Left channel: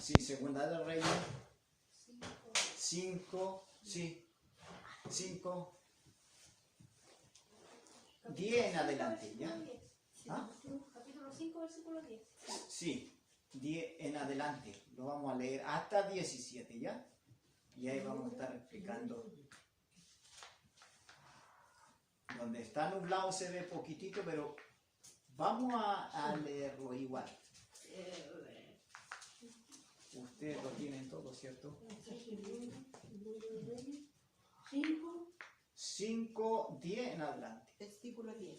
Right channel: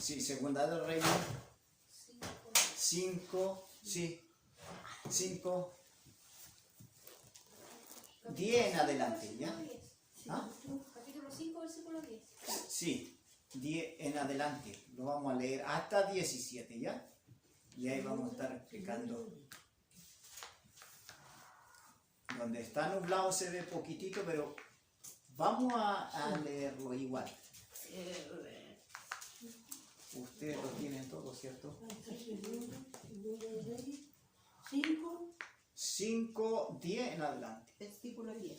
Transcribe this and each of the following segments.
Sí, Segunda del Reino. 5, sí. 5, 10 en adelante, ¿ya? ¿Ah? Capítulo 5, versículo 10. Sí, 10 en adelante. Lo vamos a leer hasta 17, ¿ya? Y ahí vamos a estar explicando. Donde está nublado se ve poquitito, pero vamos a leerlo igual. Ustedes lo tienen todo, ¿cierto? 5, 10 en adelante. Versículo 10.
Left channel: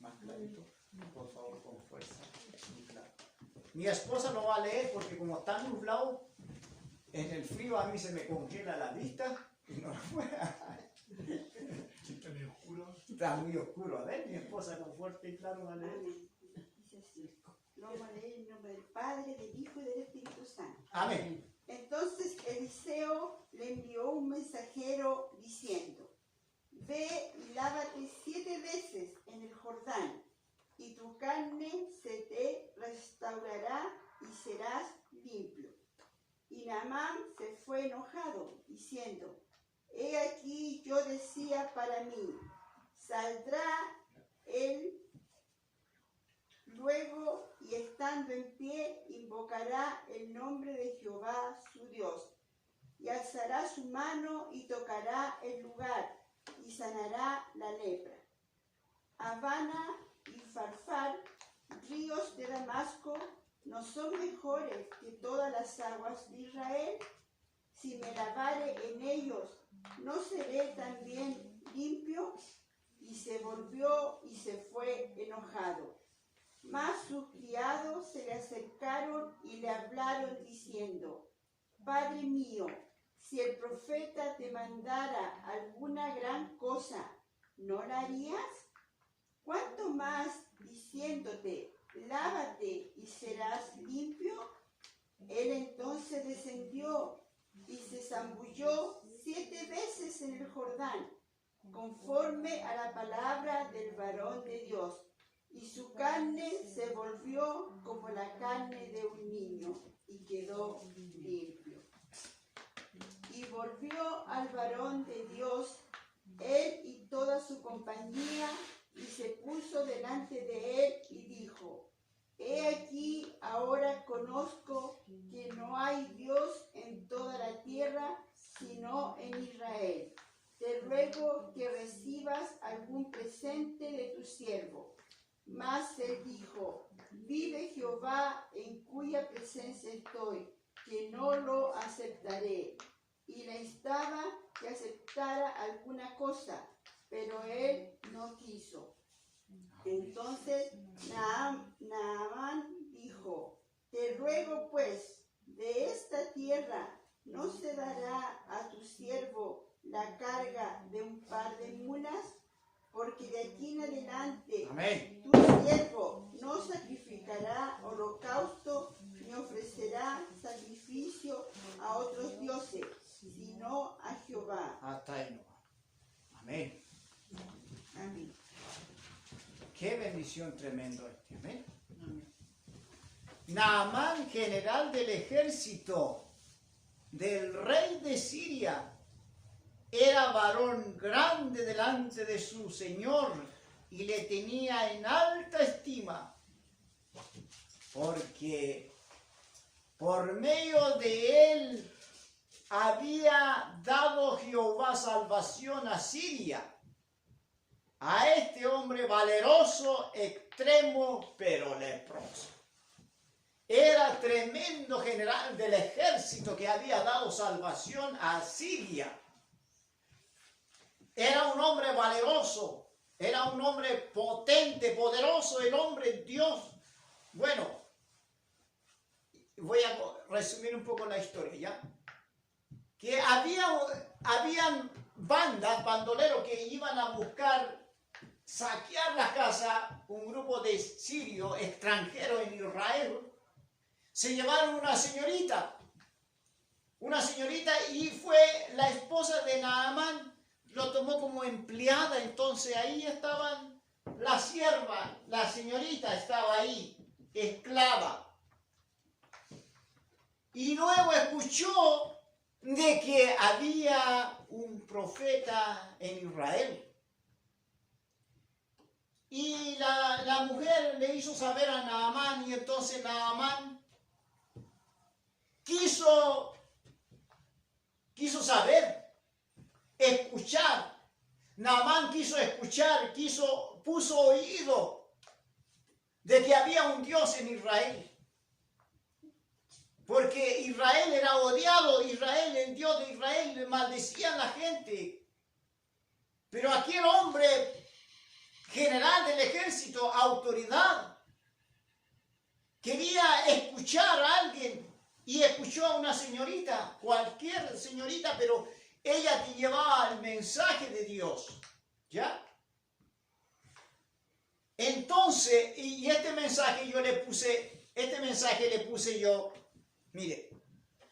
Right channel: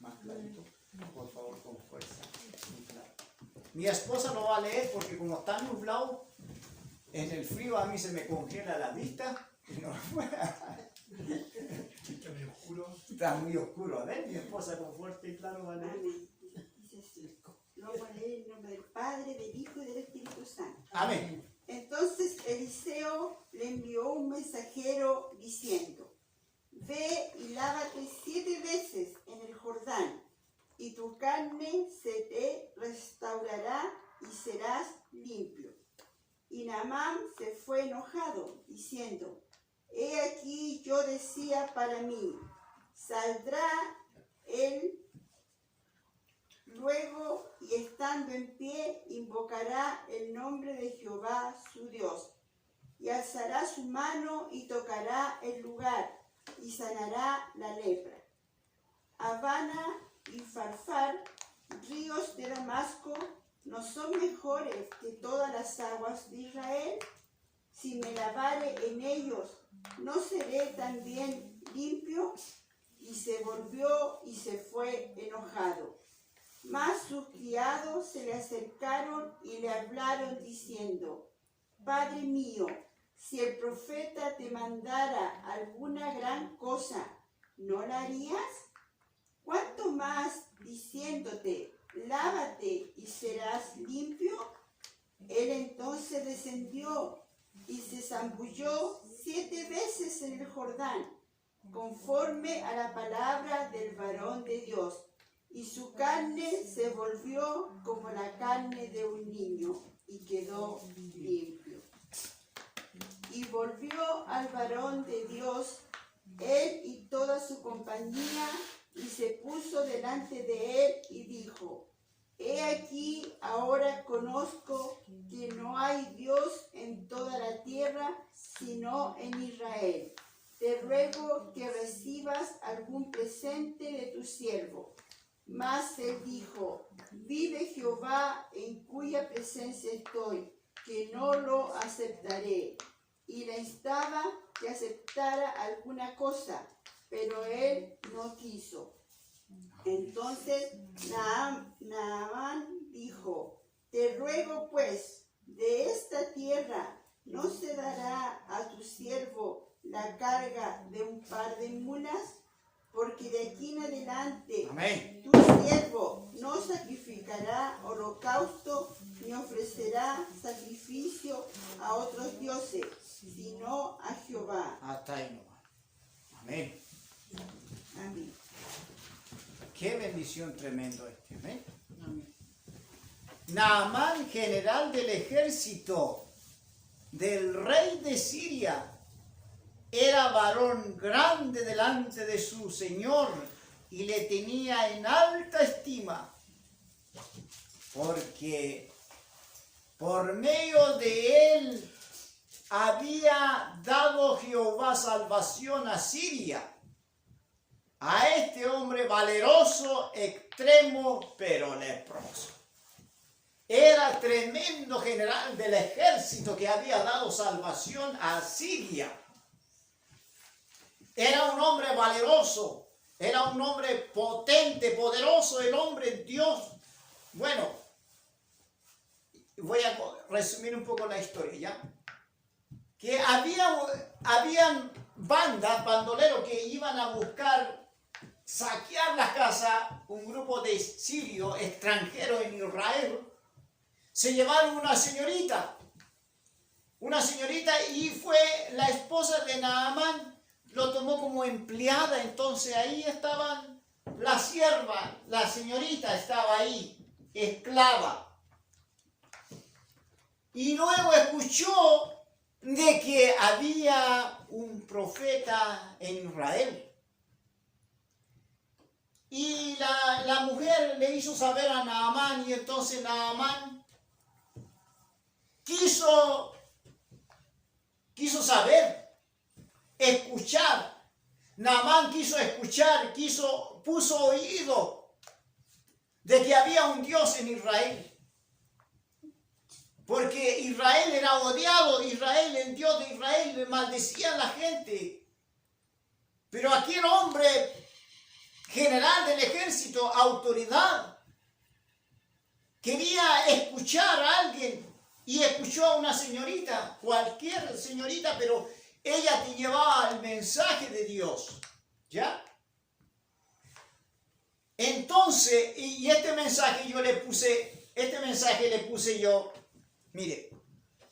Más clarito, por favor, con fuerza. Mi esposa lo va a leer porque como está nublado, en el frío a mí se me congela la vista. No, Está muy oscuro. está muy oscuro. A ver, mi esposa con fuerte y claro va a leer. Lo voy a leer en nombre del Padre, del Hijo y del Espíritu Santo. Amén. Entonces Eliseo le envió un mensajero diciendo: ve y lávate 7 veces en el Jordán, y tu carne se te restaurará y serás limpio. Y Naamán se fue enojado, diciendo: he aquí yo decía para mí, saldrá él luego, y estando en pie invocará el nombre de Jehová su Dios, y alzará su mano y tocará el lugar, y sanará la lepra. Habana y Farfar, ríos de Damasco, ¿no son mejores que todas las aguas de Israel? Si me lavare en ellos, ¿no seré también limpio? Y se volvió y se fue enojado. Mas sus criados se le acercaron y le hablaron diciendo: Padre mío, si el profeta te mandara alguna gran cosa, ¿no la harías? ¿Cuánto más diciéndote: lávate y serás limpio? Él entonces descendió y se zambulló 7 veces en el Jordán, conforme a la palabra del varón de Dios, y su carne se volvió como la carne de un niño, y quedó limpio. Y volvió al varón de Dios, él y toda su compañía, y se puso delante de él y dijo: he aquí, ahora conozco que no hay Dios en toda la tierra, sino en Israel. Te ruego que recibas algún presente de tu siervo. Mas él dijo: vive Jehová, en cuya presencia estoy, que no lo aceptaré. Y le instaba que aceptara alguna cosa, pero él no quiso. Entonces Naamán dijo: te ruego pues, de esta tierra no se dará a tu siervo la carga de un par de mulas, porque de aquí en adelante Amén. tu siervo no sacrificará holocausto ni ofrecerá sacrificio a otros dioses, sino a Jehová. Hasta ahí nomás. Amén. Amén. Qué bendición tremendo este. Amén. Naamán, general del ejército del rey de Siria, era varón grande delante de su señor y le tenía en alta estima, porque por medio de él había dado Jehová salvación a Siria, a este hombre valeroso, extremo, pero leproso. Era tremendo general del ejército que había dado salvación a Siria. Era un hombre valeroso, era un hombre potente, poderoso, el hombre Dios. Bueno, voy a resumir un poco la historia, ¿ya? Que habían bandas, bandoleros que iban a buscar saquear las casas, un grupo de sirios extranjeros en Israel. Se llevaron una señorita y fue la esposa de Naamán lo tomó como empleada. Entonces ahí estaban la sierva, la señorita estaba ahí, esclava. Y luego escuchó de que había un profeta en Israel. Y la mujer le hizo saber a Naamán, y entonces Naamán quiso saber, escuchar. Naamán quiso escuchar, puso oído de que había un Dios en Israel. Porque Israel era odiado, Israel, el Dios de Israel, le maldecía a la gente. Pero aquel hombre, general del ejército, autoridad, quería escuchar a alguien y escuchó a una señorita, cualquier señorita, pero ella te llevaba el mensaje de Dios, ¿ya? Entonces, y este mensaje le puse yo, mire,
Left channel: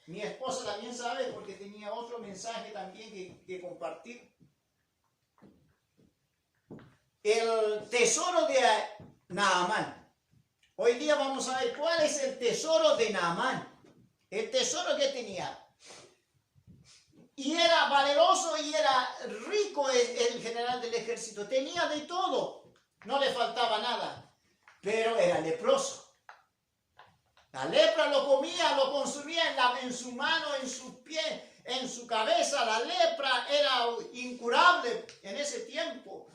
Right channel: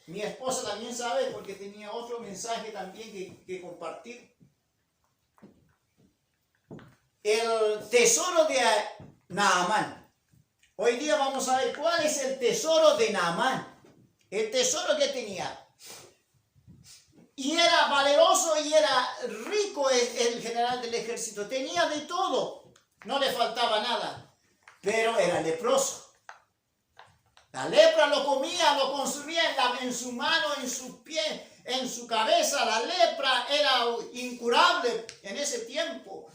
mi esposa también sabe porque tenía otro mensaje también que compartir. El tesoro de Naamán. Hoy día vamos a ver cuál es el tesoro de Naamán. El tesoro que tenía. Y era valeroso y era rico el general del ejército. Tenía de todo. No le faltaba nada. Pero era leproso. La lepra lo comía, lo consumía en su mano, en su pie, en su cabeza. La lepra era incurable en ese tiempo.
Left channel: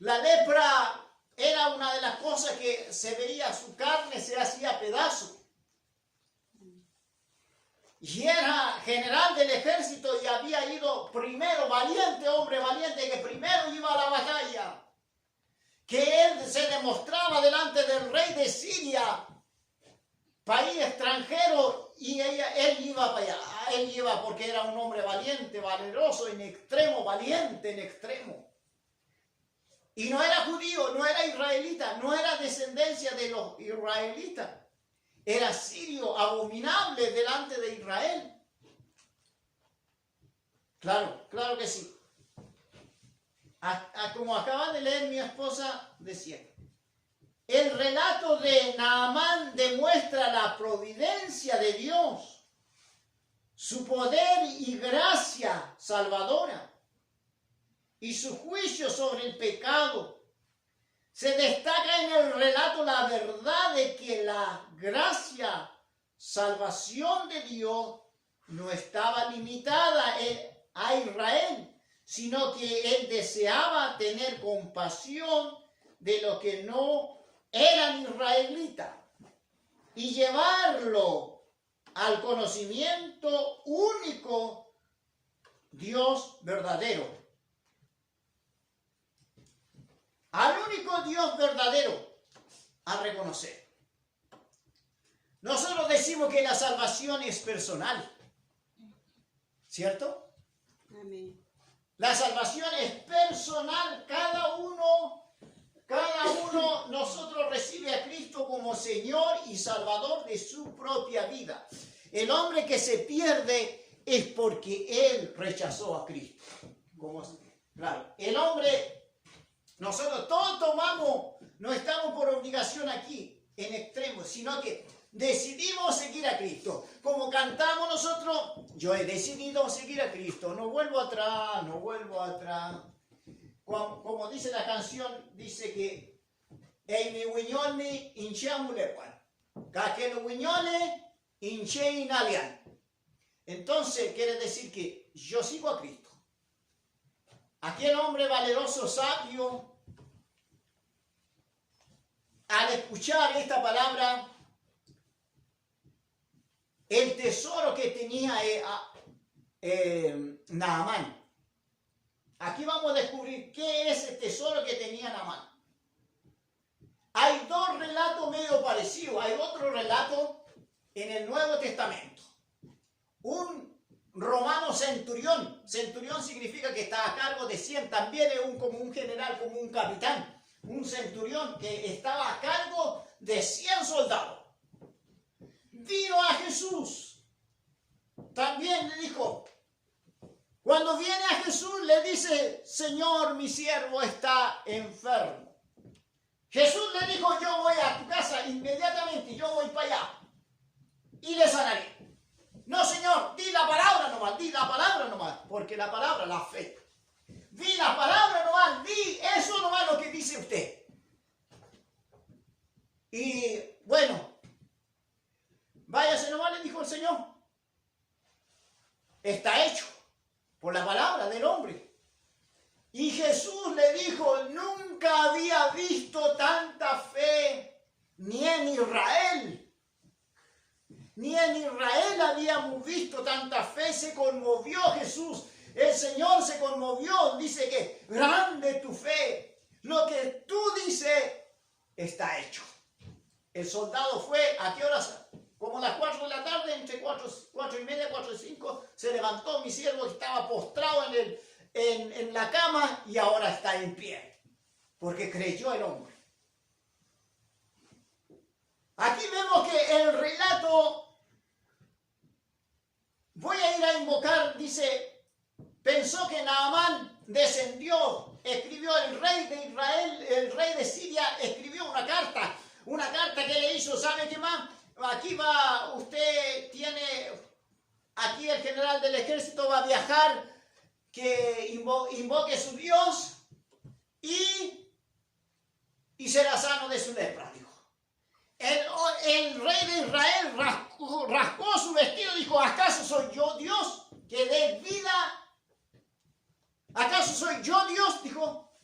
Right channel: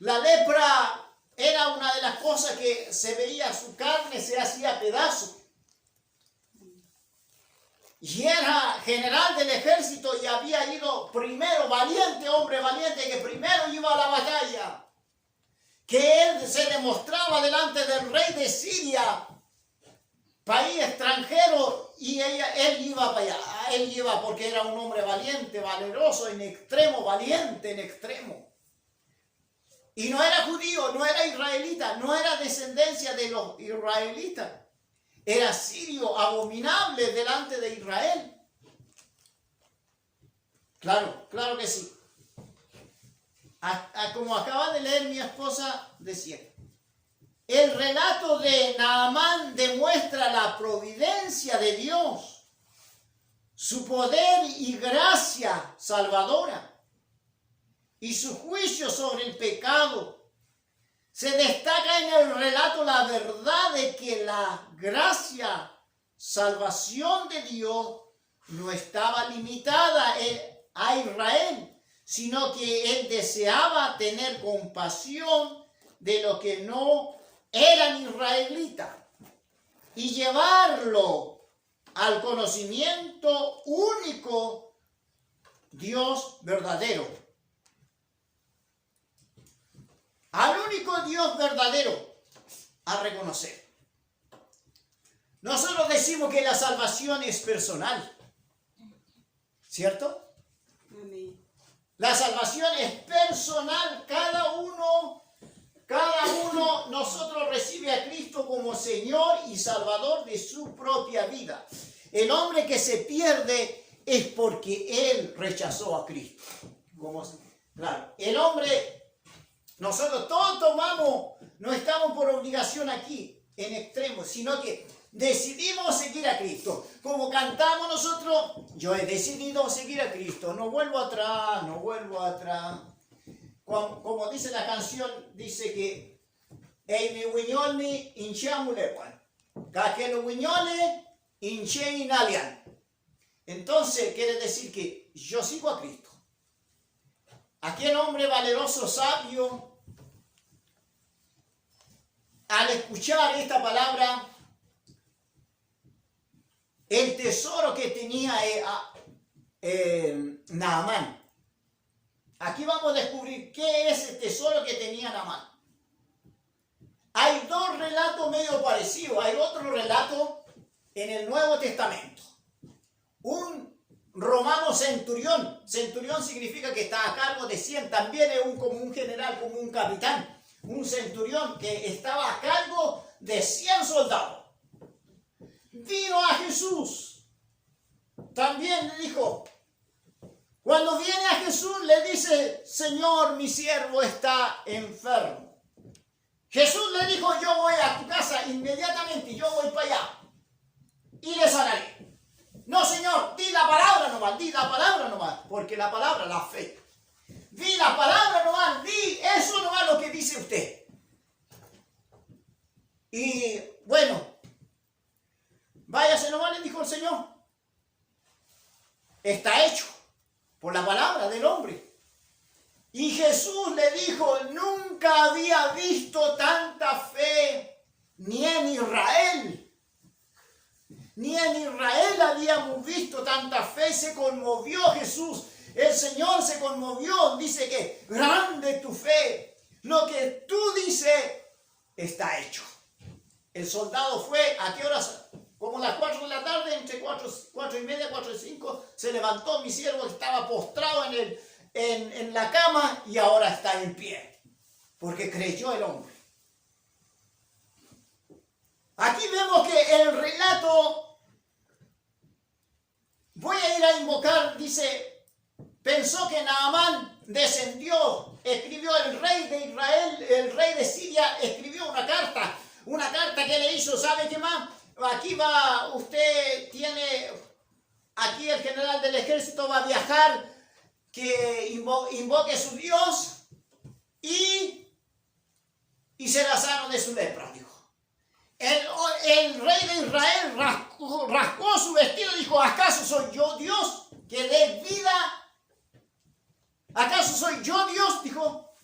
La lepra era una de las cosas que se veía, su carne se hacía pedazos. Y era general del ejército y había ido primero, valiente, hombre valiente, que primero iba a la batalla. Que él se demostraba delante del rey de Siria, país extranjero, y él iba para allá. Él iba porque era un hombre valiente, valeroso, en extremo, valiente en extremo. Y no era judío, no era israelita, no era descendencia de los israelitas. Era sirio, abominable delante de Israel. Claro que sí. Como acaba de leer mi esposa, decía, el relato de Naamán demuestra la providencia de Dios, su poder y gracia salvadora, y su juicio sobre el pecado. Se destaca en el relato la verdad de que la gracia, salvación de Dios no estaba limitada a Israel, sino que él deseaba tener compasión de los que no eran israelitas y llevarlo al conocimiento único Dios verdadero. Al único Dios verdadero a reconocer. Nosotros decimos que la salvación es personal, ¿cierto? Amén. La salvación es personal, cada uno nosotros recibe a Cristo como Señor y Salvador de su propia vida. El hombre que se pierde es porque él rechazó a Cristo. Claro, el hombre... Nosotros todos tomamos, no estamos por obligación aquí, en extremo, sino que decidimos seguir a Cristo. Como cantamos nosotros, yo he decidido seguir a Cristo, no vuelvo atrás, no vuelvo atrás. Como dice la canción, dice que "Ei mi wiñoli hinchamulepan, kakelo wiñole hinche inalian". Entonces quiere decir que yo sigo a Cristo. Aquel hombre valeroso, sabio, al escuchar esta palabra, el tesoro que tenía Naamán. Aquí vamos a descubrir qué es el tesoro que tenía Naamán. Hay dos relatos medio parecidos. Hay otro relato en el Nuevo Testamento. Un romano centurión. Centurión significa que está a cargo de 100. También es como un general, como un capitán. Un centurión que estaba a cargo de 100 soldados. Vino a Jesús. También le dijo, cuando viene a Jesús le dice, Señor, mi siervo está enfermo. Jesús le dijo, yo voy a tu casa inmediatamente, yo voy para allá y le sanaré. No, Señor, di la palabra nomás, porque la palabra, la fe. Di la palabra nomás, di eso nomás lo que dice usted. Y bueno, váyase nomás, le dijo el Señor. Está hecho por la palabra del hombre. Y Jesús le dijo, nunca había visto tanta fe, ni en Israel. Ni en Israel habíamos visto tanta fe. Se conmovió Jesús. El Señor se conmovió. Dice que grande tu fe. Lo que tú dices está hecho. El soldado fue, ¿a qué horas? Como las 4 de la tarde, entre 4:30, 4:05, se levantó. Mi siervo estaba postrado en la cama y ahora está en pie. Porque creyó el hombre. Aquí vemos que el relato, voy a ir a invocar, dice, pensó que Naamán descendió, escribió el rey de Israel, el rey de Siria, escribió una carta que le hizo, ¿sabe qué más? Aquí va, usted tiene, aquí el general del ejército va a viajar, que invoque a su Dios y será sano de su lepra, dijo. El rey de Israel rascó su vestido y dijo, ¿acaso soy yo Dios que dé vida? ¿Acaso soy yo Dios? Dijo.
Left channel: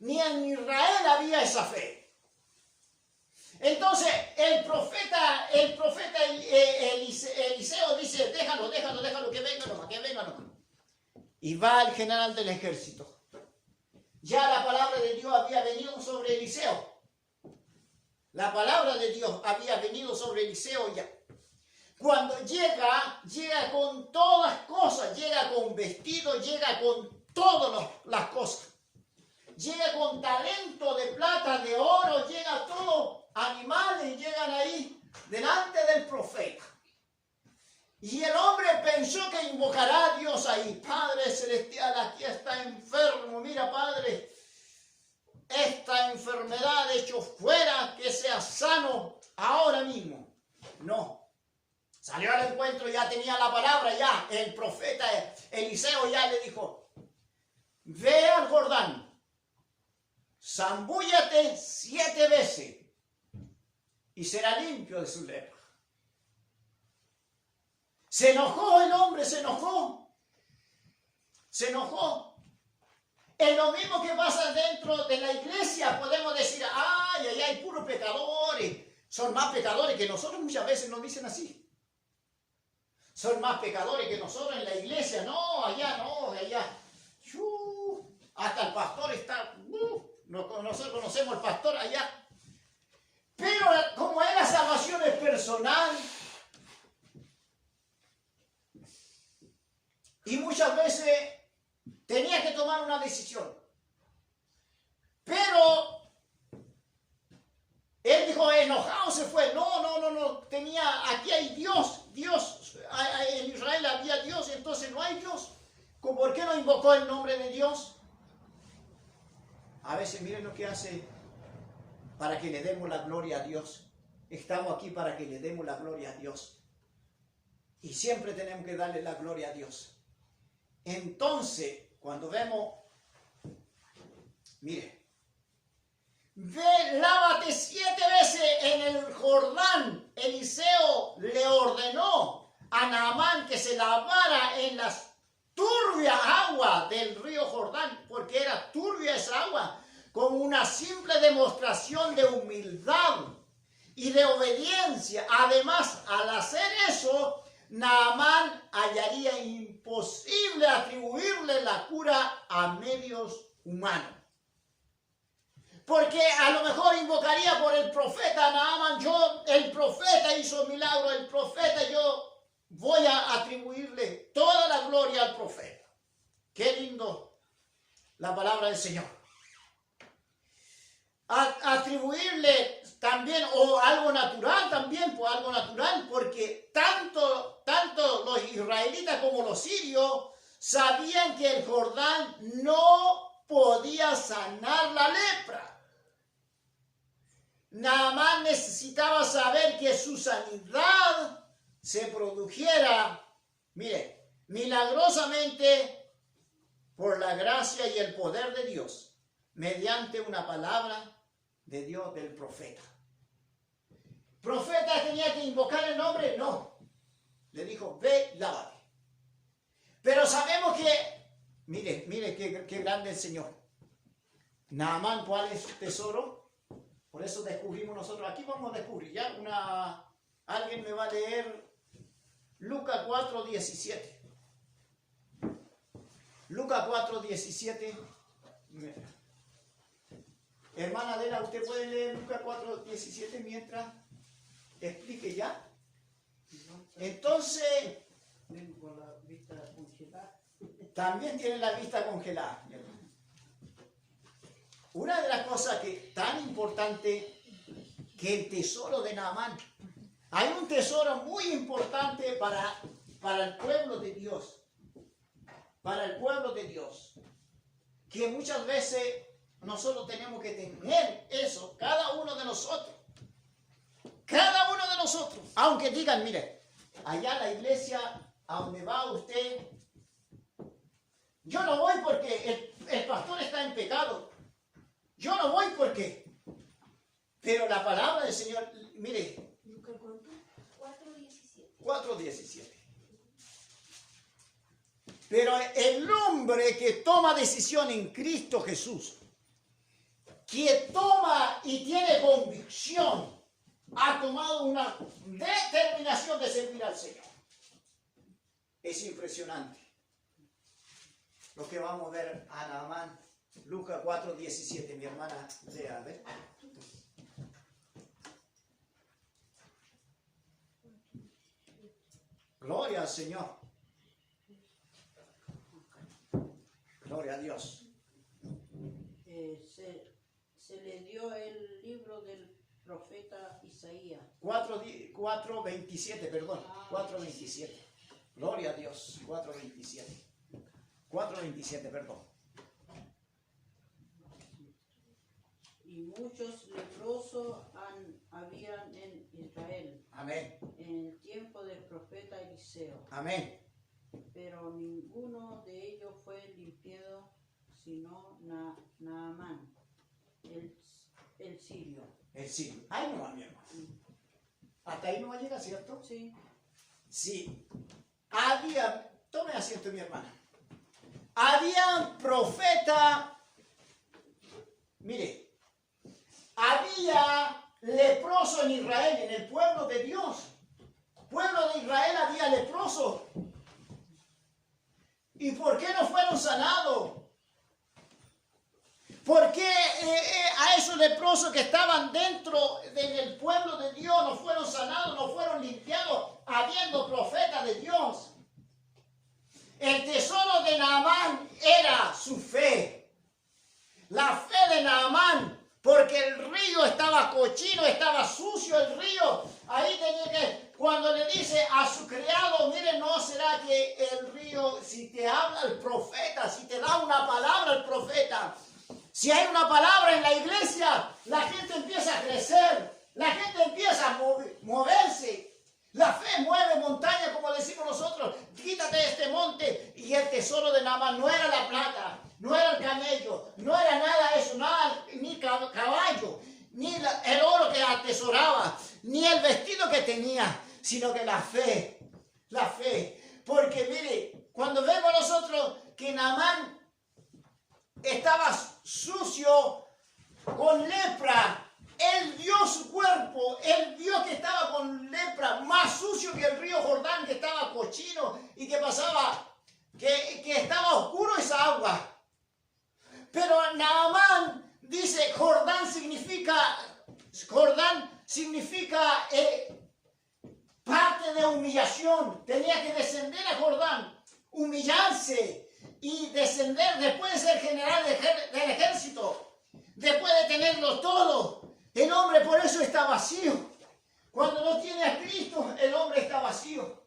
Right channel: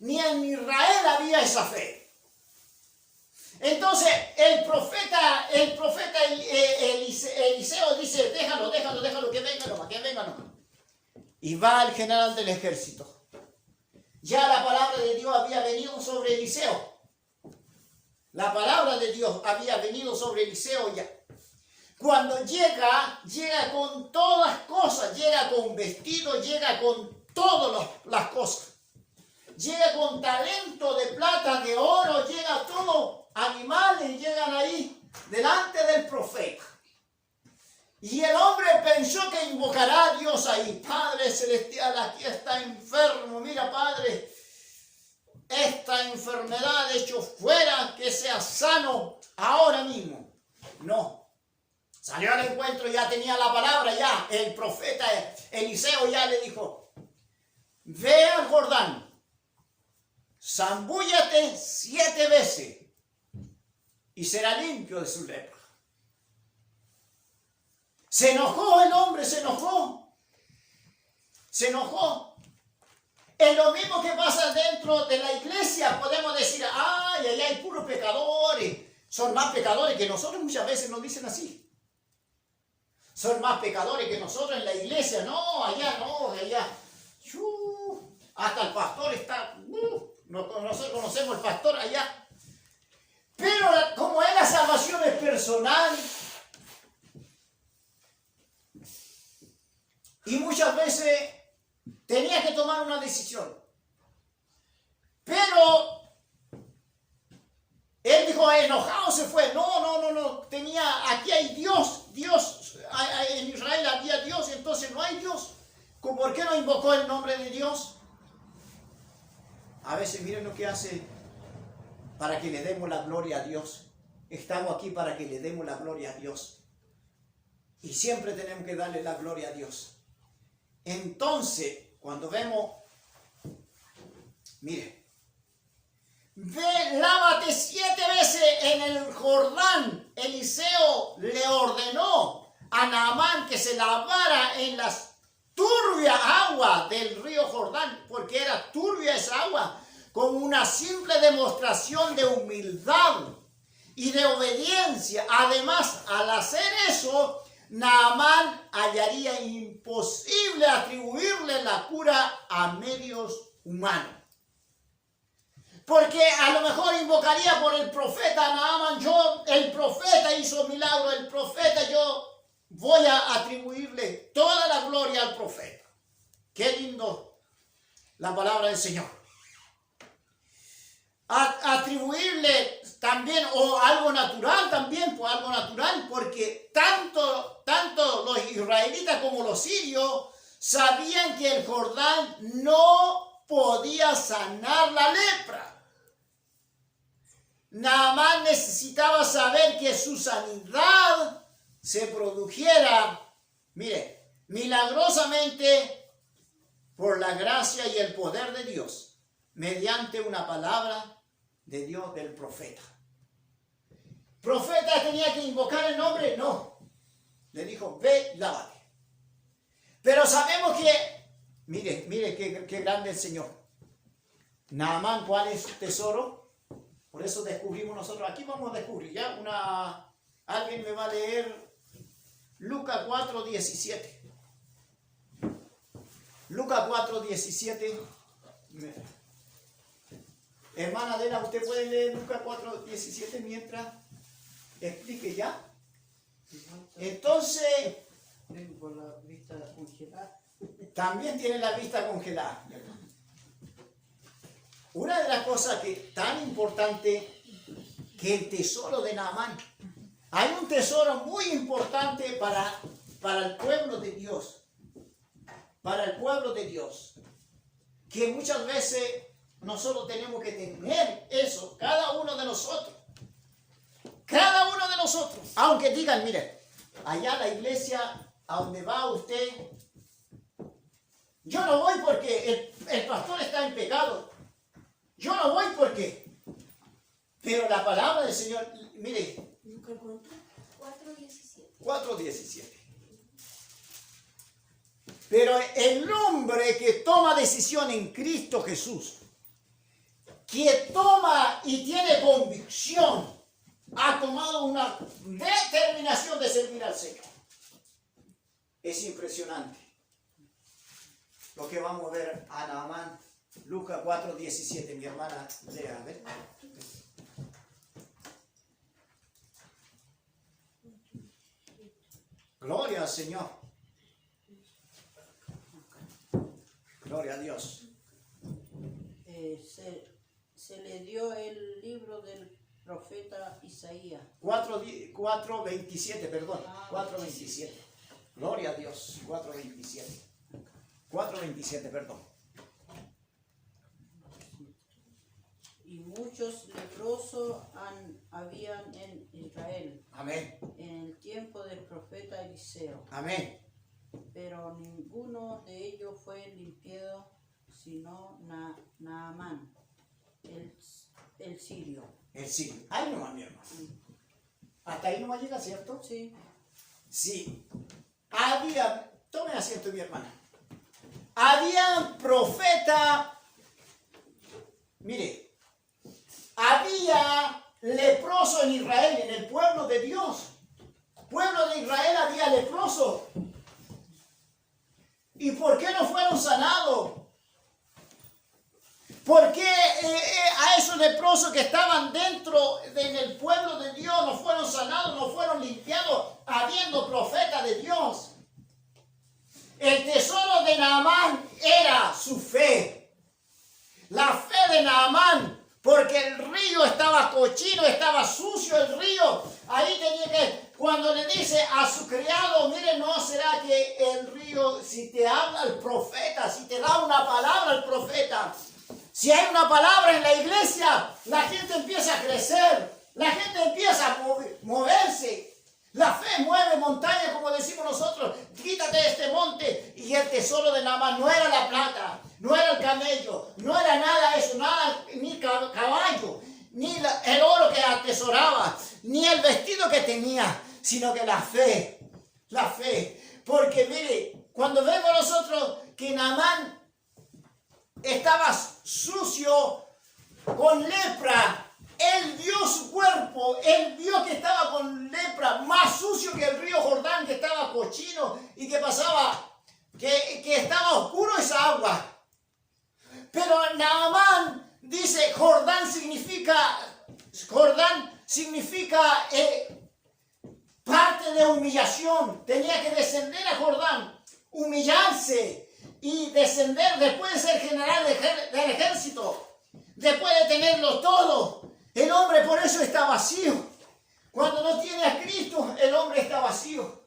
Ni en Israel había esa fe. Entonces el profeta Eliseo dice, déjalo, que venga nomás. Y va el general del ejército. Ya la palabra de Dios había venido sobre Eliseo. La palabra de Dios había venido sobre Eliseo ya. Cuando llega con todas cosas, llega con vestido, llega con todas las cosas. Llega con talento de plata, de oro, llega todo, animales llegan ahí delante del profeta. Y el hombre pensó que invocará a Dios ahí. Padre celestial, aquí está enfermo, mira Padre, esta enfermedad hecho fuera, que sea sano ahora mismo. No. Salió al encuentro, ya tenía la palabra, ya. El profeta Eliseo ya le dijo, ve al Jordán, zambúllate 7 veces y será limpio de su lepra. Se enojó el hombre, se enojó. Es lo mismo que pasa dentro de la iglesia. Podemos decir, ay, allá hay puros pecadores. Son más pecadores que nosotros, muchas veces nos dicen así. Son más pecadores que nosotros en la iglesia. No, allá. Hasta el pastor está, nosotros conocemos al pastor allá. Pero como es la salvación es personal, y muchas veces tenía que tomar una decisión. Pero él dijo, enojado se fue. No. Aquí hay Dios. En Israel había Dios, entonces no hay Dios. ¿Por qué no invocó el nombre de Dios? A veces miren lo que hace para que le demos la gloria a Dios. Estamos aquí para que le demos la gloria a Dios. Y siempre tenemos que darle la gloria a Dios. Entonces, cuando vemos, mire, lávate 7 veces en el Jordán. Eliseo le ordenó a Naamán que se lavara en las turbias aguas del río Jordán, porque era turbia esa agua, como una simple demostración de humildad y de obediencia. Además, al hacer eso, Naamán hallaría imposible atribuirle la cura a medios humanos. Porque a lo mejor invocaría por el profeta Naamán, el profeta hizo milagro, el profeta, yo voy a atribuirle toda la gloria al profeta. Qué lindo la palabra del Señor. Atribuirle también, o algo natural también, pues algo natural, porque tanto los israelitas como los sirios sabían que el Jordán no podía sanar la lepra. Naamán necesitaba saber que su sanidad se produjera, mire, milagrosamente por la gracia y el poder de Dios, mediante una palabra de Dios del profeta. ¿Profeta tenía que invocar el nombre? No. Le dijo, ve, lávate. Pero sabemos que, mire qué grande el Señor. Naamán, ¿cuál es su tesoro? Por eso descubrimos nosotros. Aquí vamos a descubrir ya alguien me va a leer Lucas 4:17. Lucas 4:17. Hermana Adela, ¿usted puede leer Lucas 4:17 mientras explique ya? Entonces, Vengo con la vista congelada. también tiene la vista congelada. Una de las cosas que tan importante que el tesoro de Naamán. Hay un tesoro muy importante para el pueblo de Dios. Para el pueblo de Dios. Que muchas veces nosotros tenemos que tener eso, cada uno de nosotros. Cada uno de nosotros. Aunque digan, mire, allá la iglesia a donde va usted, yo no voy porque el pastor está en pecado. Yo no voy porque. Pero la palabra del Señor, mire. Lucas, ¿cuánto? 4:17. 4:17. Pero el hombre que toma decisión en Cristo Jesús, que toma y tiene convicción, ha tomado una determinación de servir al Señor. Es impresionante lo que vamos a ver a Naamán. Lucas 4:17, mi hermana lea, ¿ves? Gloria al Señor. Gloria a Dios. Se le dio el libro del profeta Isaías. 4:27, perdón. 4:27. Gloria a Dios. 4:27. 4:27, perdón. Y muchos leprosos habían en Israel. Amén. En el tiempo del profeta Eliseo. Amén. Pero ninguno de ellos fue limpiado, sino Naamán, el sirio. El sirio. Ahí no va, mi hermano. Hasta ahí no va a llegar, ¿cierto? Sí. Sí. Tome asiento, mi hermana. Había profeta. Mire. Había leprosos en Israel, en el pueblo de Dios. Pueblo de Israel había leprosos. ¿Y por qué no fueron sanados? ¿Por qué a esos leprosos que estaban dentro del pueblo de Dios no fueron sanados, no fueron limpiados, habiendo profeta de Dios? El tesoro de Naamán era su fe. La fe de Naamán, porque el río estaba cochino, estaba sucio el río. Ahí tenía que, cuando le dice a su criado, mire, ¿no será que el río, si te habla el profeta, si te da una palabra el profeta, si hay una palabra en la iglesia, la gente empieza a crecer, la gente empieza a moverse. La fe mueve montañas, como decimos nosotros. Quítate de este monte. Y el tesoro de Naamán no era la plata, no era el camello, no era nada eso, nada, ni caballo, ni el oro que atesoraba, ni el vestido que tenía, sino que la fe. La fe. Porque mire, cuando vemos nosotros que Naamán estaba sucio, con lepra, él vio su cuerpo, él vio que estaba con lepra, más sucio que el río Jordán, que estaba cochino y que pasaba, que estaba oscuro esa agua. Pero Naamán dice, Jordán significa parte de humillación. Tenía que descender a Jordán, humillarse y descender después de ser general del ejército, después de tenerlo todo. El hombre por eso está vacío. Cuando no tiene a Cristo, el hombre está vacío.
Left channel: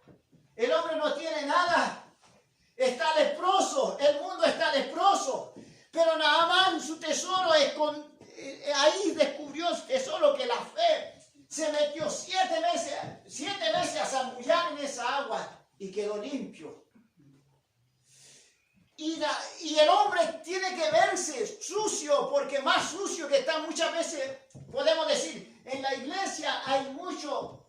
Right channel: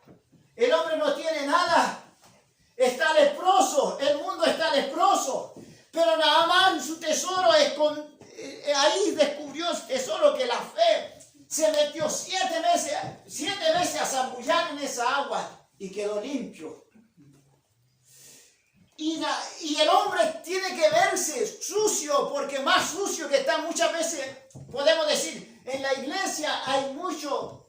El hombre no tiene nada. está leproso, el mundo está leproso. Pero Naamán, su tesoro, ahí descubrió su tesoro, que la fe se metió 7 veces a zambullar en esa agua y quedó limpio. Y el hombre tiene que verse sucio, porque más sucio que está muchas veces, podemos decir, en la iglesia hay mucho,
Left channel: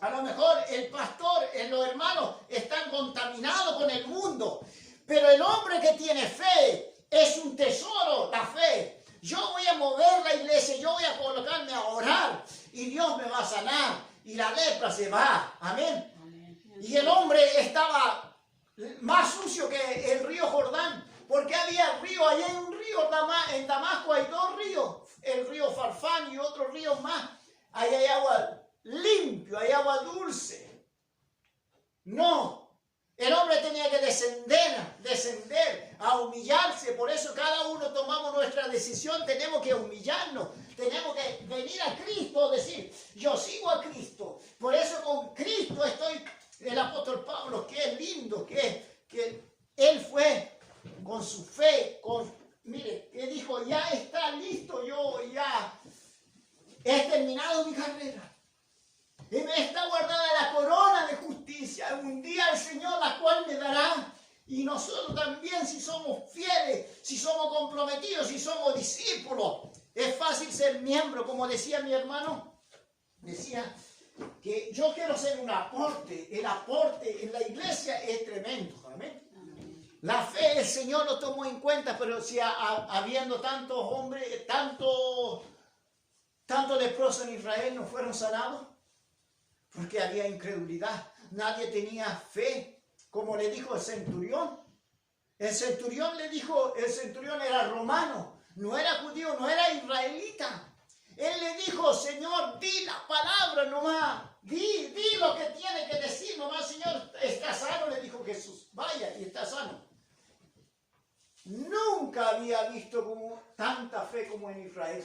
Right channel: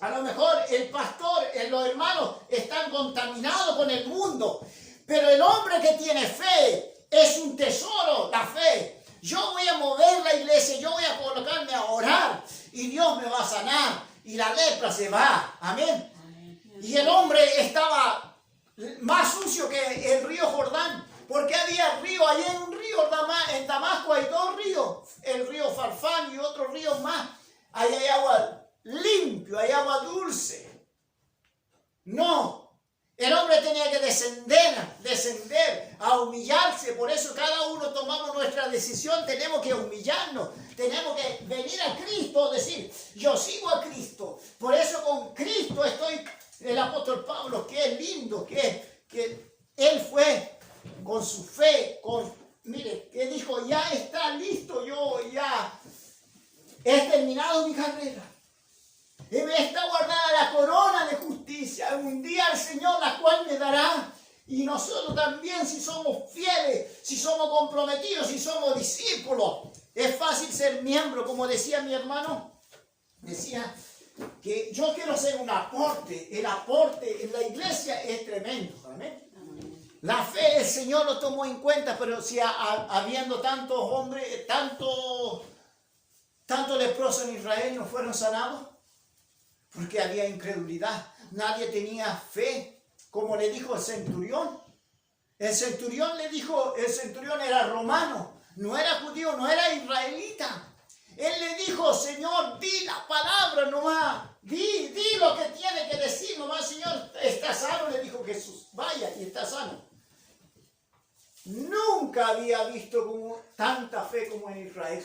a lo mejor el pastor, los hermanos están contaminados con el mundo, pero el hombre que tiene fe es un tesoro, la fe. Yo voy a mover la iglesia, yo voy a colocarme a orar y Dios me va a sanar y la lepra se va, amén. Y el hombre estaba más sucio que el río Jordán, porque había río, allá hay un río, en Damasco hay 2 ríos, el río Farfán y otro río más. Ahí hay agua limpia, hay agua dulce. No, el hombre tenía que descender a humillarse. Por eso cada uno tomamos nuestra decisión, tenemos que humillarnos, tenemos que venir a Cristo, decir, yo sigo a Cristo. Por eso con Cristo estoy. El apóstol Pablo, qué lindo que él fue con su fe, mire, que dijo, ya está listo, yo ya he terminado mi carrera. Y me está guardada la corona de justicia. Un día el Señor la cual me dará. Y nosotros también, si somos fieles, si somos comprometidos, si somos discípulos, es fácil ser miembro, como decía mi hermano, decía que yo quiero ser un aporte. El aporte en la iglesia es tremendo. ¿Amén? La fe el Señor lo tomó en cuenta, pero si habiendo tantos hombres, tanto leprosos en Israel no fueron sanados, porque había incredulidad. Nadie tenía fe, como le dijo el centurión. El centurión era romano, no era judío, no era israelita. Él le dijo, Señor, di la palabra nomás, di lo que tiene que decir nomás, Señor, está sano, le dijo Jesús, vaya y está sano. Nunca había visto tanta fe como en Israel.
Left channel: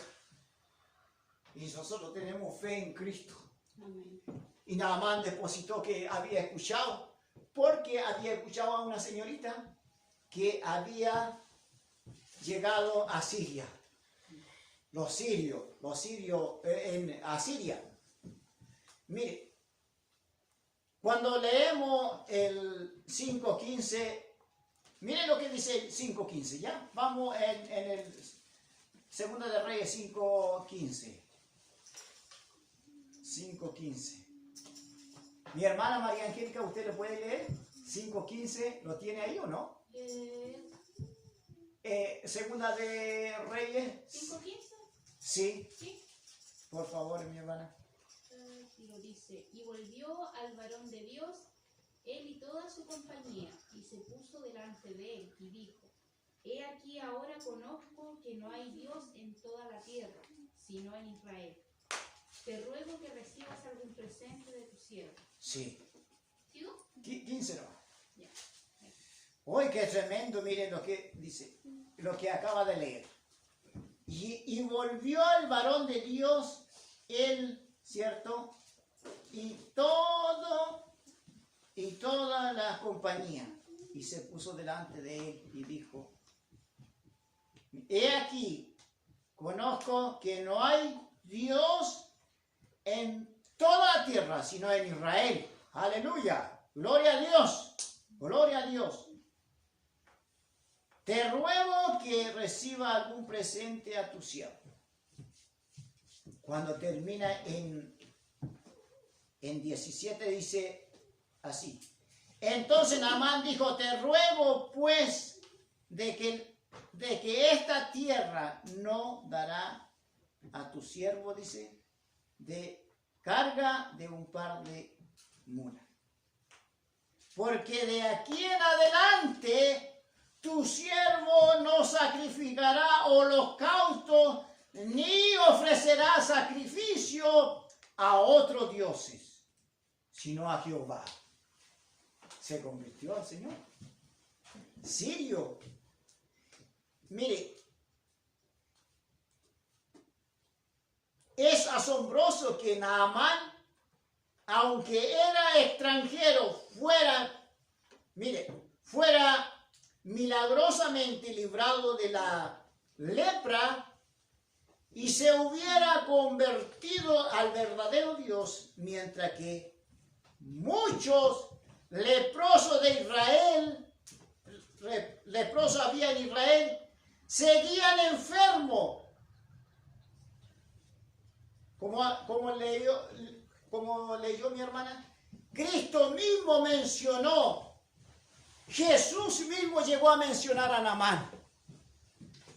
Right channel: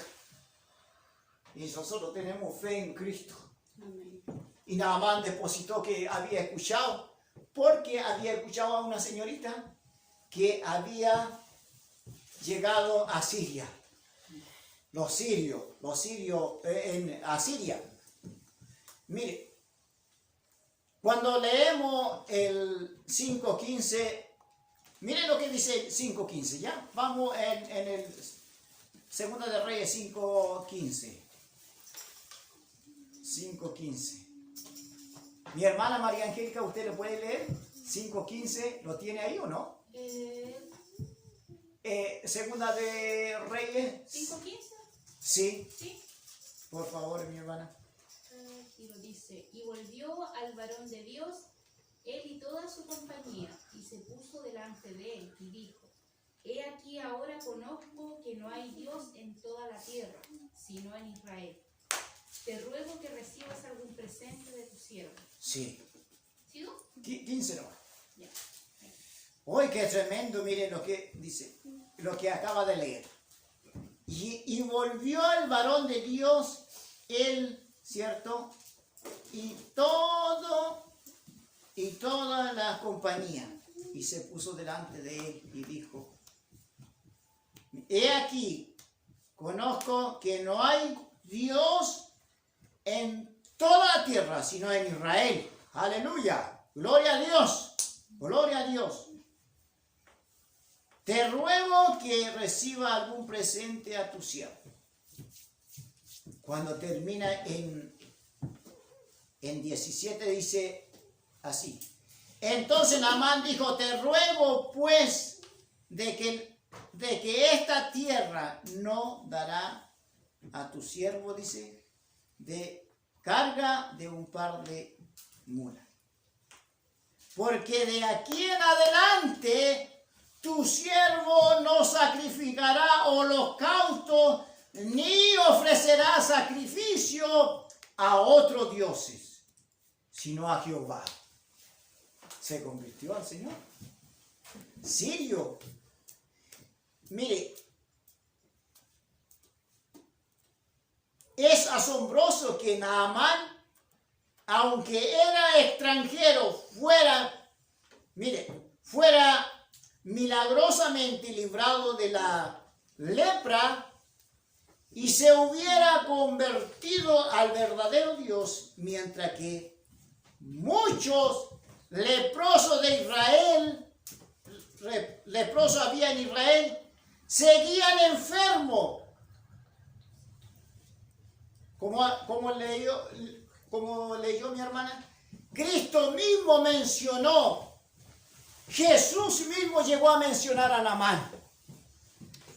Y nosotros tenemos fe en Cristo. Amén. Y Naamán depositó que había escuchado, porque había escuchado a una señorita que había llegado a Siria. Los sirios en Asiria. Mire, cuando leemos el 5.15, miren lo que dice el 5.15, ¿ya? Vamos en el Segunda de Reyes 5.15. 5.15. Mi hermana María Angélica, ¿usted le puede leer? 5.15, ¿lo tiene ahí o no? Segunda de Reyes. 5:15. Sí, Sí. por favor, mi hermana. Y lo dice, y volvió al varón de Dios, él y toda su compañía, y se puso delante de él, y dijo, he aquí ahora conozco que no hay Dios en toda la tierra, sino en Israel. Te ruego que recibas algún presente de tu siervo. Sí. ¿Sí, no? 15 no. Ya. Hoy qué tremendo, miren lo que dice, lo que acaba de leer. Y volvió el varón de Dios, él, ¿cierto? Y toda la compañía, y se puso delante de él y dijo, he aquí, conozco que no hay Dios en toda la tierra, sino en Israel. Aleluya, gloria a Dios, gloria a Dios. Te ruego que reciba algún presente a tu siervo. Cuando termina en 17 dice así. Entonces Naamán dijo, te ruego pues de que esta tierra no dará a tu siervo, dice, de carga de un par de mulas. Porque de aquí en adelante tu siervo no sacrificará holocausto ni ofrecerá sacrificio a otros dioses, sino a Jehová. Se convirtió al Señor. Sirio. Mire, es asombroso que Naamán, aunque era extranjero, fuera milagrosamente librado de la lepra y se hubiera convertido al verdadero Dios, mientras que muchos leprosos de Israel, leprosos había en Israel, seguían enfermos. Como leyó mi hermana, Cristo mismo mencionó, Jesús mismo llegó a mencionar a Naamán.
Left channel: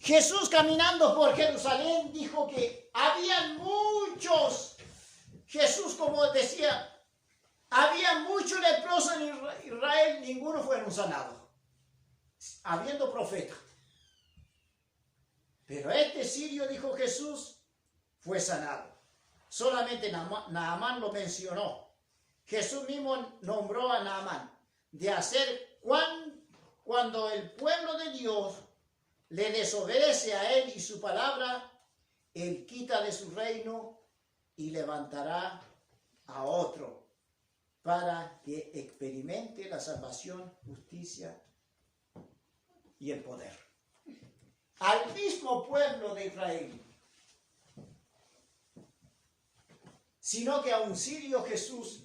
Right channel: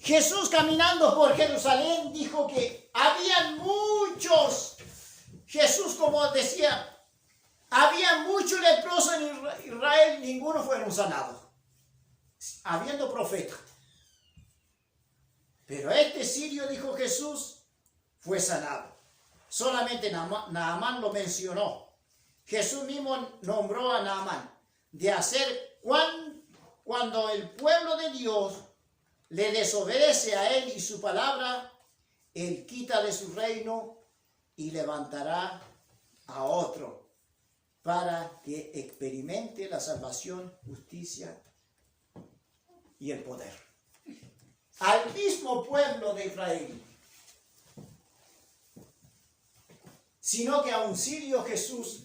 Jesús caminando por Jerusalén dijo que habían muchos, Jesús como decía, había muchos leprosos en Israel, ninguno fueron sanados, habiendo profetas. Pero este sirio, dijo Jesús, fue sanado. Solamente Naamán lo mencionó. Jesús mismo nombró a Naamán de hacer cuando el pueblo de Dios le desobedece a él y su palabra, él quita de su reino y levantará a otro para que experimente la salvación, justicia y el poder. Al mismo pueblo de Israel, sino que a un sirio Jesús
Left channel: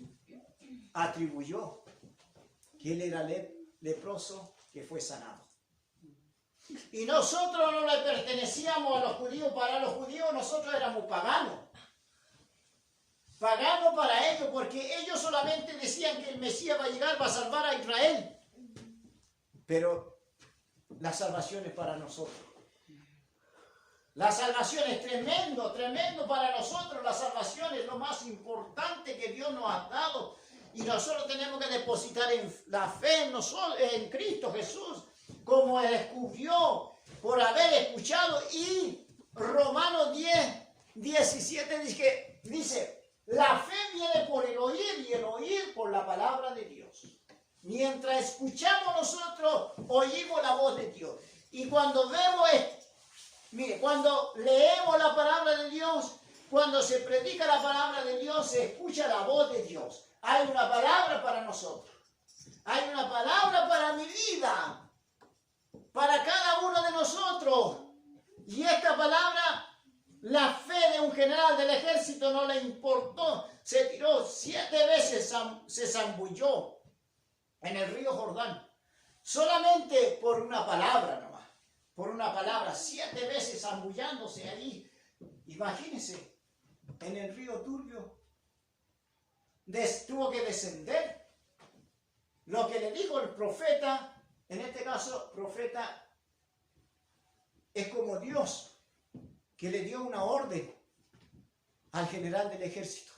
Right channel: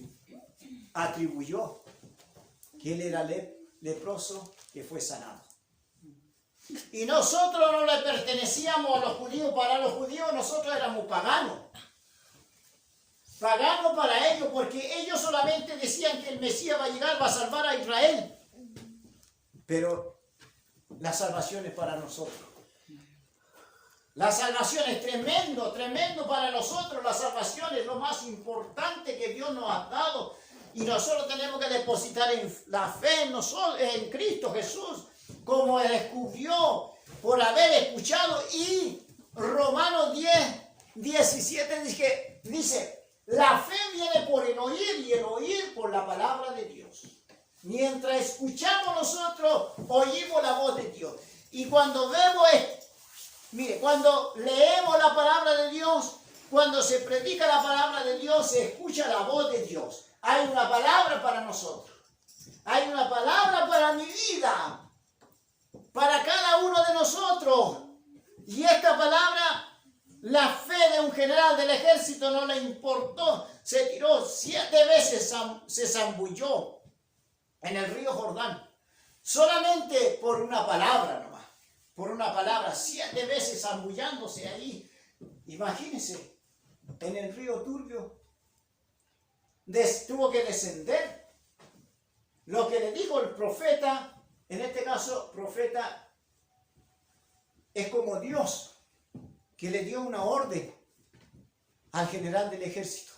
atribuyó que él era leproso, que fue sanado. Y nosotros no le pertenecíamos a los judíos. Para los judíos nosotros éramos paganos. Paganos para ellos, porque ellos solamente decían que el Mesías va a llegar, va a salvar a Israel. Pero la salvación es para nosotros. La salvación es tremendo, tremendo para nosotros. La salvación es lo más importante que Dios nos ha dado. Y nosotros tenemos que depositar en la fe en Cristo Jesús, como Él descubrió por haber escuchado. Y Romanos 10:17 dice, la fe viene por el oír y el oír por la palabra de Dios. Mientras escuchamos nosotros, oímos la voz de Dios. Y cuando vemos mire, cuando leemos la palabra de Dios, cuando se predica la palabra de Dios, se escucha la voz de Dios. Hay una palabra para nosotros. Hay una palabra para mi vida, para cada uno de nosotros. Y esta palabra, la fe de un general del ejército no le importó. Se tiró 7 veces, se zambulló en el río Jordán. Solamente por una palabra nomás. Por una palabra, 7 veces zambullándose ahí. Imagínense, en el río turbio, tuvo que descender. Lo que le dijo el profeta, en este caso, profeta, es como Dios, que le dio una orden al general del ejército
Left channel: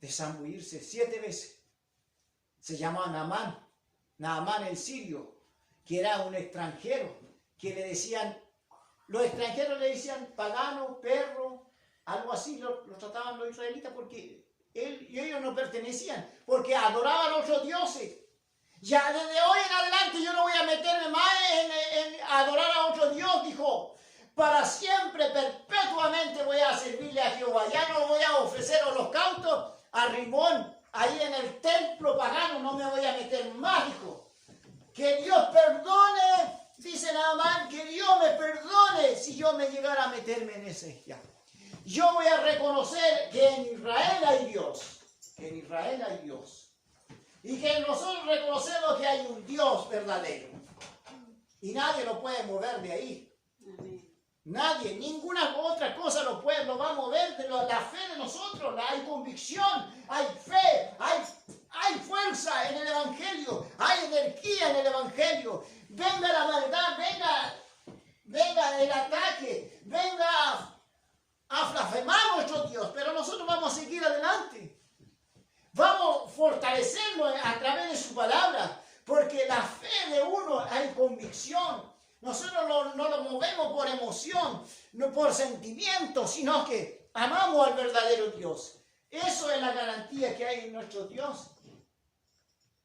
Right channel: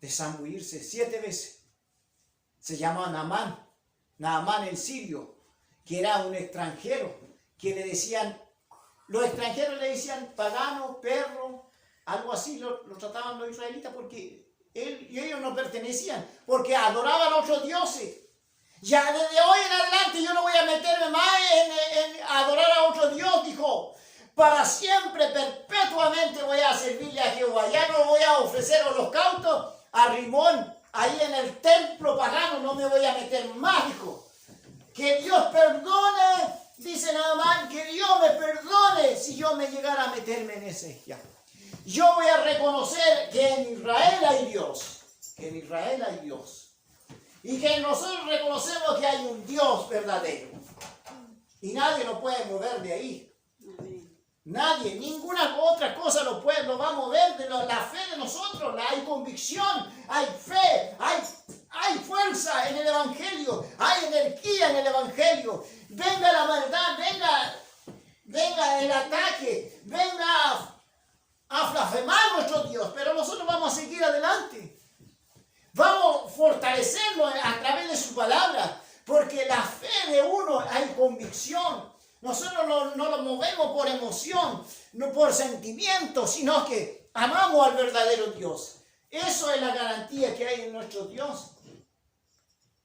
de zambullirse 7 veces. Se llama Naamán el sirio, que era un extranjero, que le decían, los extranjeros le decían pagano, perro, algo así lo trataban los israelitas, porque ellos no pertenecían, porque adoraban a otros dioses. Ya desde hoy en adelante yo no voy a meterme más en adorar a otro Dios, dijo. Para siempre, perpetuamente voy a servirle a Jehová. Ya no voy a ofrecer holocaustos a Rimón, ahí en el templo pagano, no me voy a meter más, dijo. Que Dios perdone, dice Naamán, que Dios me perdone si yo me llegara a meterme en ese ya. Yo voy a reconocer que en Israel hay Dios, que en Israel hay Dios. Y que nosotros reconocemos que hay un Dios verdadero. Y nadie lo puede mover de ahí. Nadie, ninguna otra cosa lo va a mover de la fe de nosotros. Hay convicción, hay fe, hay fuerza en el Evangelio, hay energía en el Evangelio. Venga la maldad, venga el ataque, venga a blasfemar a nuestro Dios, pero nosotros vamos a seguir adelante. Vamos a fortalecernos a través de su palabra, porque la fe de uno hay convicción. Nosotros no lo movemos por emoción, no por sentimiento, sino que amamos al verdadero Dios. Eso es la garantía que hay en nuestro Dios.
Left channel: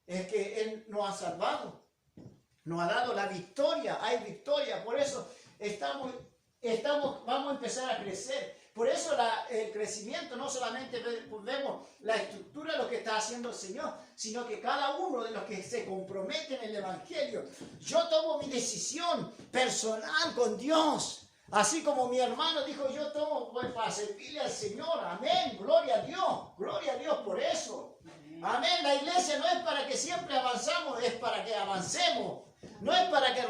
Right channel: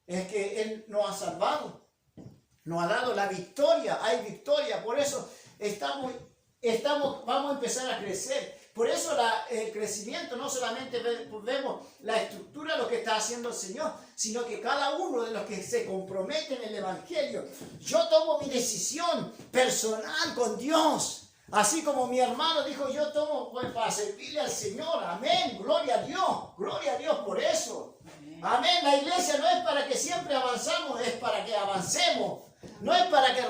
Es que Él nos ha salvado, nos ha dado la victoria, hay victoria. Por eso vamos a empezar a crecer. Por eso el crecimiento, no solamente vemos la estructura de lo que está haciendo el Señor, sino que cada uno de los que se comprometen en el Evangelio, yo tomo mi decisión personal con Dios. Así como mi hermano dijo, yo tomo pues, para servirle al Señor. Amén. Gloria a Dios. Gloria a Dios por eso. Amén. La iglesia no es para que siempre avanzamos, es para que avancemos. No es para que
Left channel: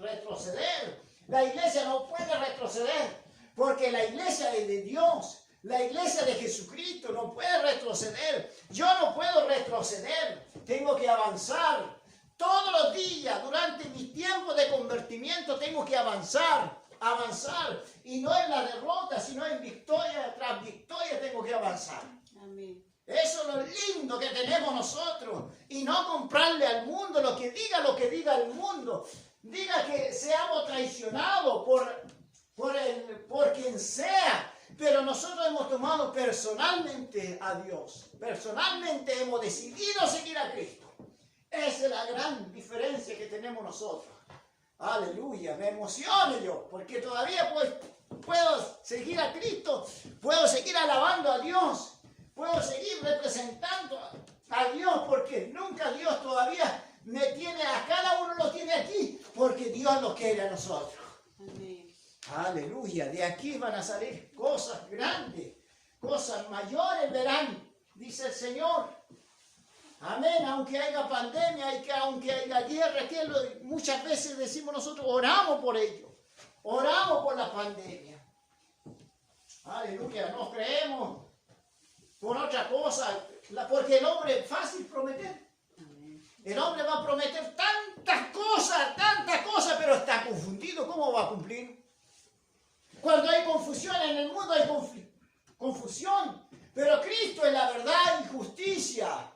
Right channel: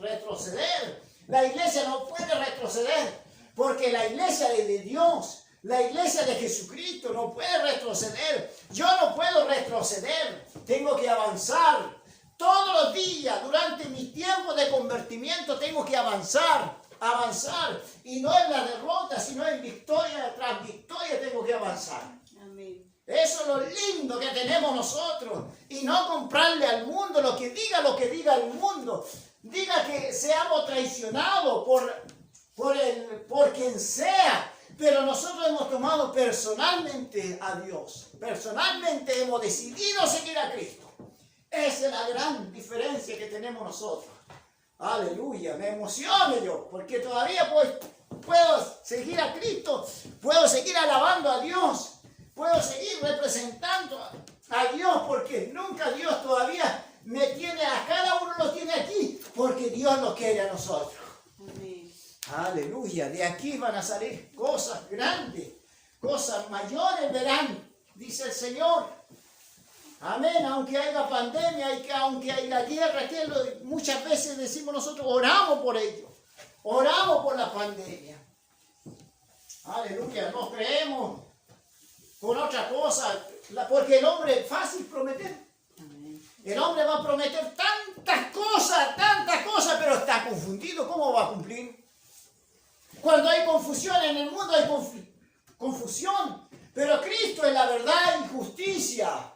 retroceder. La iglesia no puede retroceder. Porque la iglesia es de Dios. La iglesia de Jesucristo no puede retroceder. Yo no puedo retroceder. Tengo que avanzar. Todos los días, durante mi tiempo de convertimiento, tengo que avanzar. Y no en la derrota, sino en victoria tras victoria tengo que avanzar. Amén. Eso es lo lindo que tenemos nosotros. Y no comprarle al mundo lo que diga el mundo. Diga que seamos traicionados por quien sea. Pero nosotros hemos tomado personalmente a Dios. Personalmente hemos decidido seguir a Cristo. Esa es la gran diferencia que tenemos nosotros. Aleluya, me emociono yo, porque todavía puedo seguir a Cristo, puedo seguir alabando a Dios, puedo seguir representando a Dios, porque nunca Dios todavía me tiene, a cada uno lo tiene aquí, porque Dios lo quiere a nosotros. Amén. Aleluya, de aquí van a salir cosas grandes, cosas mayores verán, dice el Señor. Amén, aunque haya pandemia, aunque haya guerra, muchas veces decimos nosotros, oramos por ello, oramos por la pandemia. Aleluya, no creemos con otra cosa, porque el hombre es fácil prometer. El hombre va a prometer tantas cosas, pero está confundido, ¿cómo va a cumplir? Cuando hay confusión en el mundo hay confusión, pero Cristo es la verdad y justicia.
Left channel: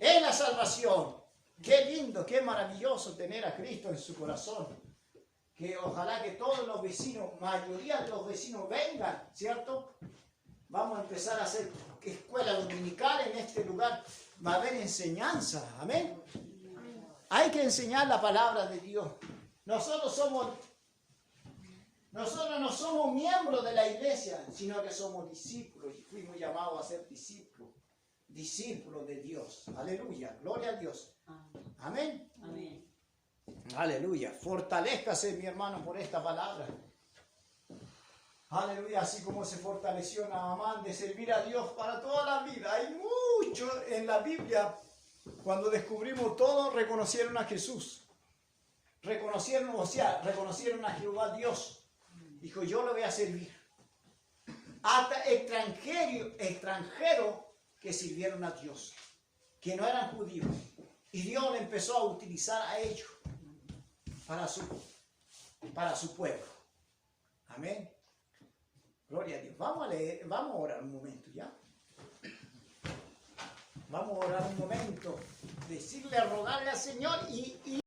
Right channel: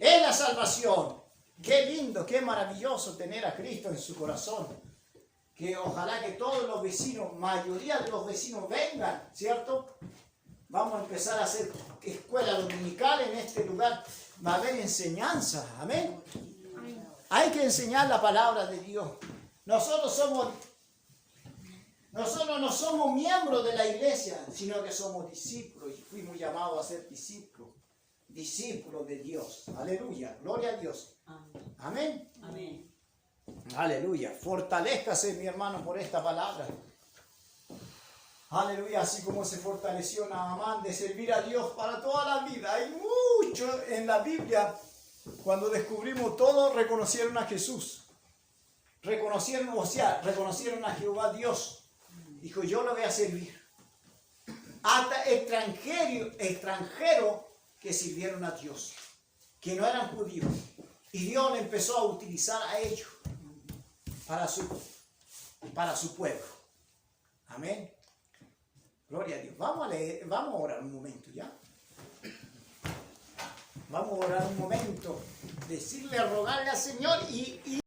Es la salvación. Qué lindo, qué maravilloso tener a Cristo en su corazón. Que ojalá que todos los vecinos, mayoría de los vecinos vengan, ¿cierto? Vamos a empezar a hacer escuela dominical en este lugar. Va a haber enseñanza, amén. Hay que enseñar la palabra de Dios. Nosotros no somos miembros de la iglesia, sino que somos discípulos y fuimos llamados a ser discípulos de Dios. Aleluya, gloria a Dios. Amén. Amén. Aleluya, fortalézcase mi hermano por esta palabra. Aleluya, así como se fortaleció Naamán de servir a Dios para toda la vida. Hay mucho en la Biblia. Cuando descubrimos todo, reconocieron a Jesús. Reconocieron a Jehová Dios. Dijo, yo lo voy a servir. Hasta extranjeros que sirvieron a Dios, que no eran judíos. Y Dios empezó a utilizar a ellos para su pueblo. Amén. Gloria a Dios. Vamos a orar un momento, ¿ya? Vamos a orar un momento. Decirle, rogarle al Señor y